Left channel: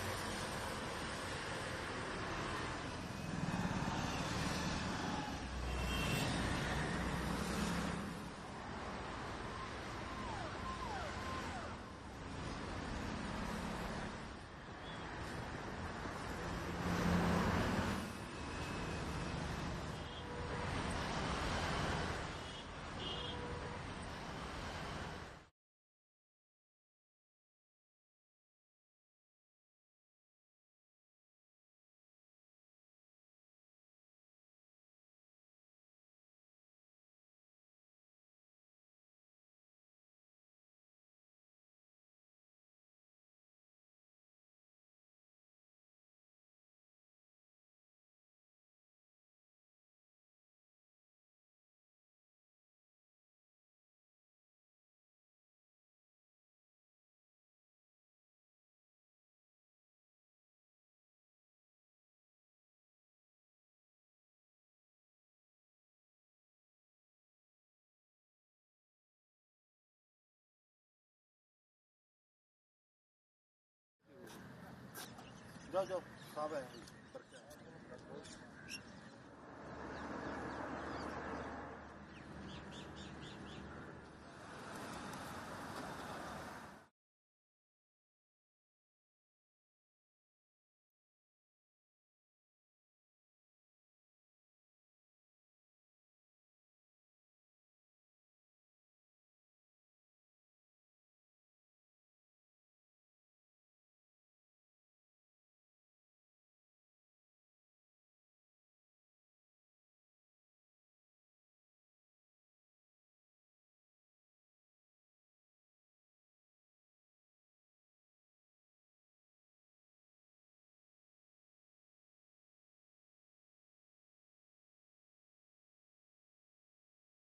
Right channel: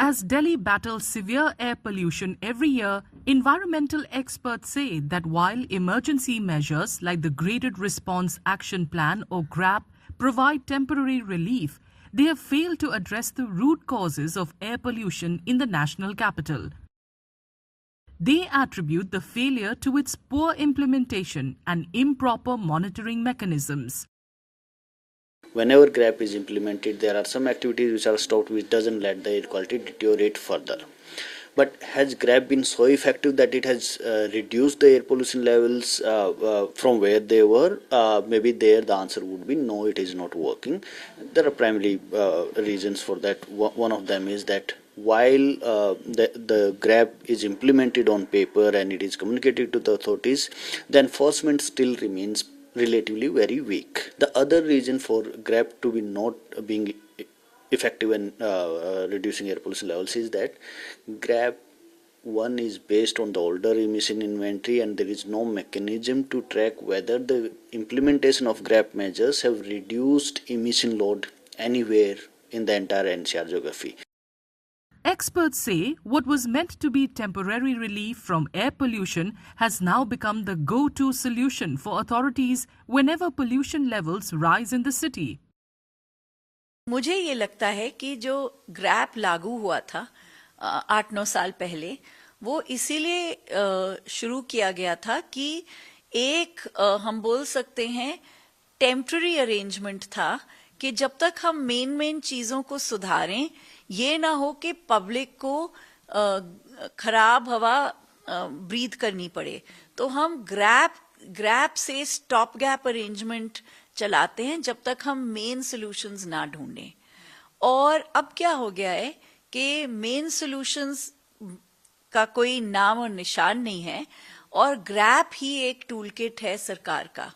As Delhi battles severe air pollution every year, environmental experts say that while emergency measures like the Graded Response Action Plan or GRAP provide temporary relief, they have failed to address the root causes of air pollution in the national capital. They attribute the failure to its poor implementation and improper monitoring mechanisms. Whenever GRAP is implemented, there are some activities which are stopped, which doesn't let the air quality deteriorate further. But has GRAP been so effective that it has reduced the air pollution levels from where they were? Maybe there the answer would be no, it is not working. There are primarily reasons for that. One of them is that while the GRAP is implemented on paper and it is communicated to the authorities, the enforcement still remains relatively very weak. The other reason for GRAP to be not being effective in reducing air pollution levels is that GRAP 1 is based on the older emission inventory, and there is no mechanism to track whether the implementation of GRAP measures have reduced emission load anywhere in the entire NCR geography. Experts say what was meant to be temporary relief from air pollution has now become the go-to solution for authorities whenever pollution levels rise in the city. मुझे ये लगता है कि जो grab लागू हुआ था 8-9 साल पहले, वो इसीलिए शुरू किया गया था कि एक हम बोल सकते हैं टेम्पररी अरेंजमेंट था कि जब तक हम मेन चीजों को सुधारें, ये ना हो कि पब्लिक को खराब हवा ब्रीथ करनी पड़े। तो हम ग्रैप से स्टॉप गैप अरेंजमेंट चलाते हैं जब तक हम मेन सॉल्यूशंस ना ढूंढें। और अब क्या हो गया है कि मेन सॉल्यूशंस का कोई नाम और निशान नहीं है, और ग्रैप ही एक टूल किट है सरकार का।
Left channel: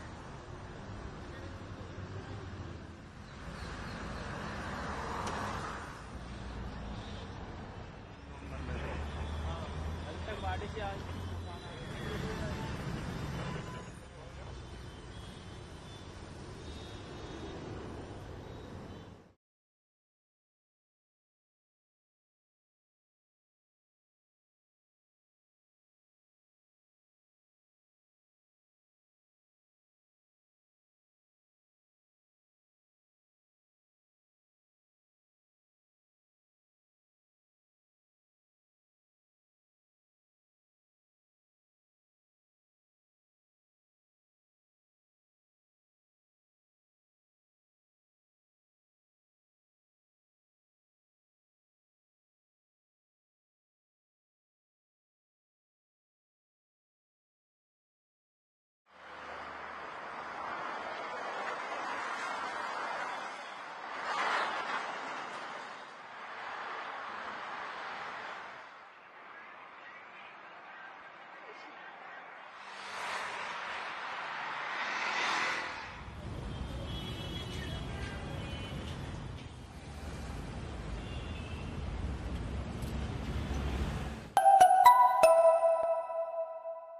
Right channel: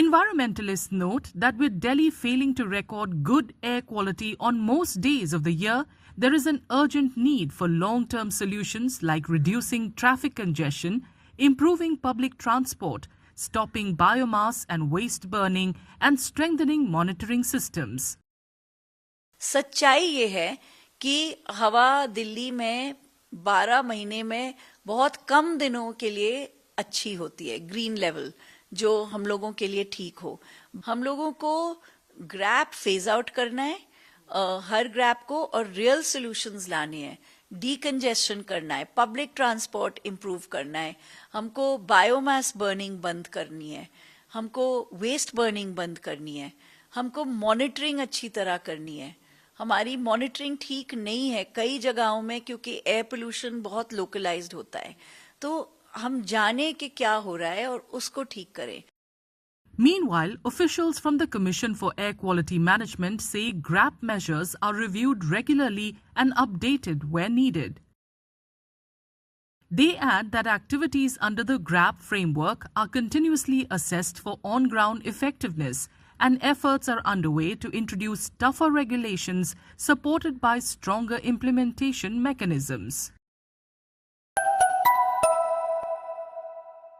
Environmentalists note that with Delhi failing to record good air quality on most days of the year, there is an urgent need for long-term solutions like reducing traffic congestion, improving public transport, stopping biomass and waste burning, and strengthening monitoring systems. सच्चाई ये है कि हवा दिल्ली में 12 महीने में बहुत कम दिनों के लिए अच्छी होती है, ग्रीन लेवल, जो हम लोगों के लिए ठीक हो। हम लोगों को ग्रैप फेज आउट करना है, हर ग्रैप को, और रियल सॉल्यूशंस लाने हैं। डीकंजेशन करना है, पब्लिक ट्रांसपोर्ट इंप्रूव करना है, हमको बायोमास बर्निंग बंद करनी है, हमको वेस्ट बर्निंग बंद करनी है, हमको मॉनिटरिंग अच्छी तरह करनी है। हमारी मॉनिटरिंग ठीक नहीं है कई जगहों में, क्योंकि एयर पोल्यूशन बहुत लोकलाइज्ड होता है। तो हम जाने कि क्या हो रहा है और उसको ठीक करें। Meanwhile, officials from the Commission for Air Quality Management say GRAP measures are reviewed regularly and updated where needed. They add that activities under the GRAP framework are continuously assessed for on-ground effectiveness, and efforts are underway to introduce tougher regulations supported by stronger implementation mechanisms.